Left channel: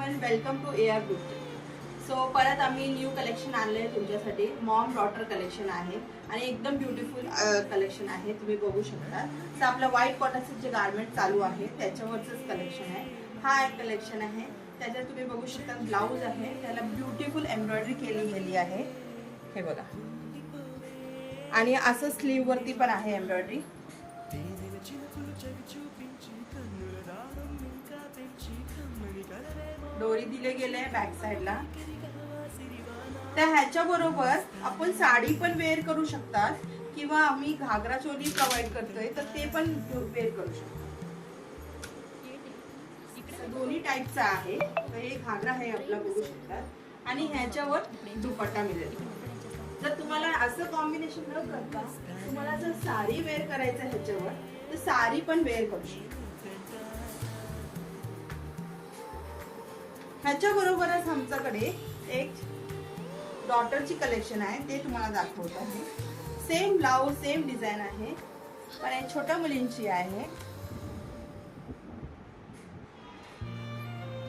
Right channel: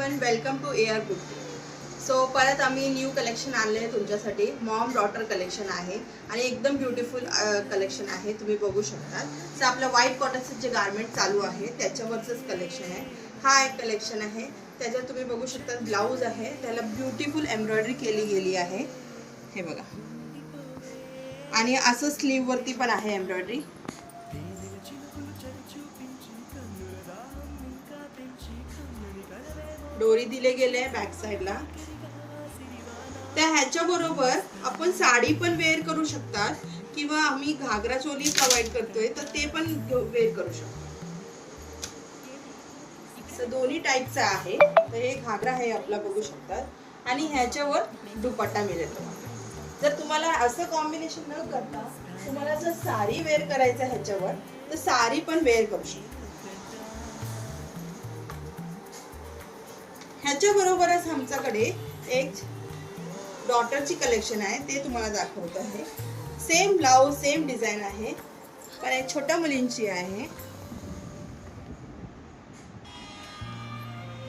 Everyone, welcome to AR Kurti. So परत आम्ही new collection आणले आहे तुमच्यासाठी. मॉम डॉटर कलेक्शन आहे आणि एकदम ब्युटिफुल कलेक्शन आहे. तुम्ही बघू शकता. सो आपलं व्हाईट कॉटनचं जे गार्मेंट चालू आहे त्याच्यावरचंच कलेक्शन आहे. हा एक कलेक्शन आहे. त्याच्यात तुम्ही बघू शकता ब्लाऊज आहे, त्याला ब्युटिफुल एम्ब्रॉयडरी केली गेली आहे. हे बघा. आणि असं स्लीव वरती पण आहे एम्ब्रॉयडरी. डोरी दिले गेले बॅक साइडला. त्या ह्याच्या बरोबर आपण साडी पण वेअर करू शकतात किंवा आम्ही घागरा चोली प्रोव्हाइड करतोय तर ते पण वेअर करू शकतो. दोन्ही टाईपचा आहे. तर हे घागरा आहे आपला, बघू शकतात. आणि ह्याच्यावर दुपट्टा मिळेल. जर तुम्हाला असं कॉम्बिनेशन न करता तुम्हाला जर साडी वेअर करायचं ह्याच्यावर तर साडी पण वेअर करू शकता. ह्याच्या बरोबरच आमच्याकडे एक डॉटरची कलेक्शन आहे, ते तुम्हाला दाखवत आहे. सेम ब्लाउज सेम डिझाइन आहे, पण एक छोट्या मुलींची आहे.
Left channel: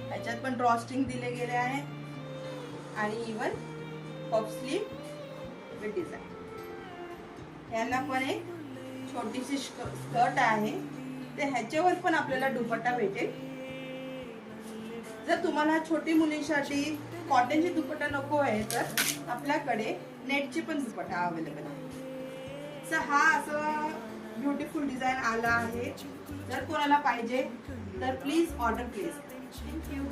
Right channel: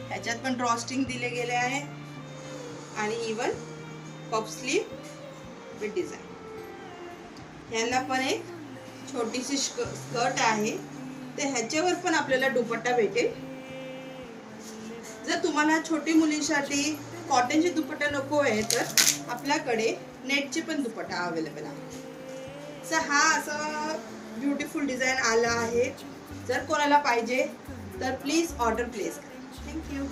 ह्याच्यात पण ड्रॉस्टिंग दिले गेले आहे आणि even puff slew with design. ह्याला पण एक छोटीशी स्कर्ट आहे. ते ह्याच्यावर पण आपल्याला दुपट्टा भेटेल. जर तुम्हाला छोटी मुलींसाठी कॉटनची दुपट्टा नको आहे तर आपल्याकडे नेटची पण दुपट्टा अवेलेबल आहे. सो हा असं ब्युटिफुल डिझाइन आला आहे. जर कोणाला पाहिजे तर प्लीज ऑर्डर प्लेस करा. थँक्यू.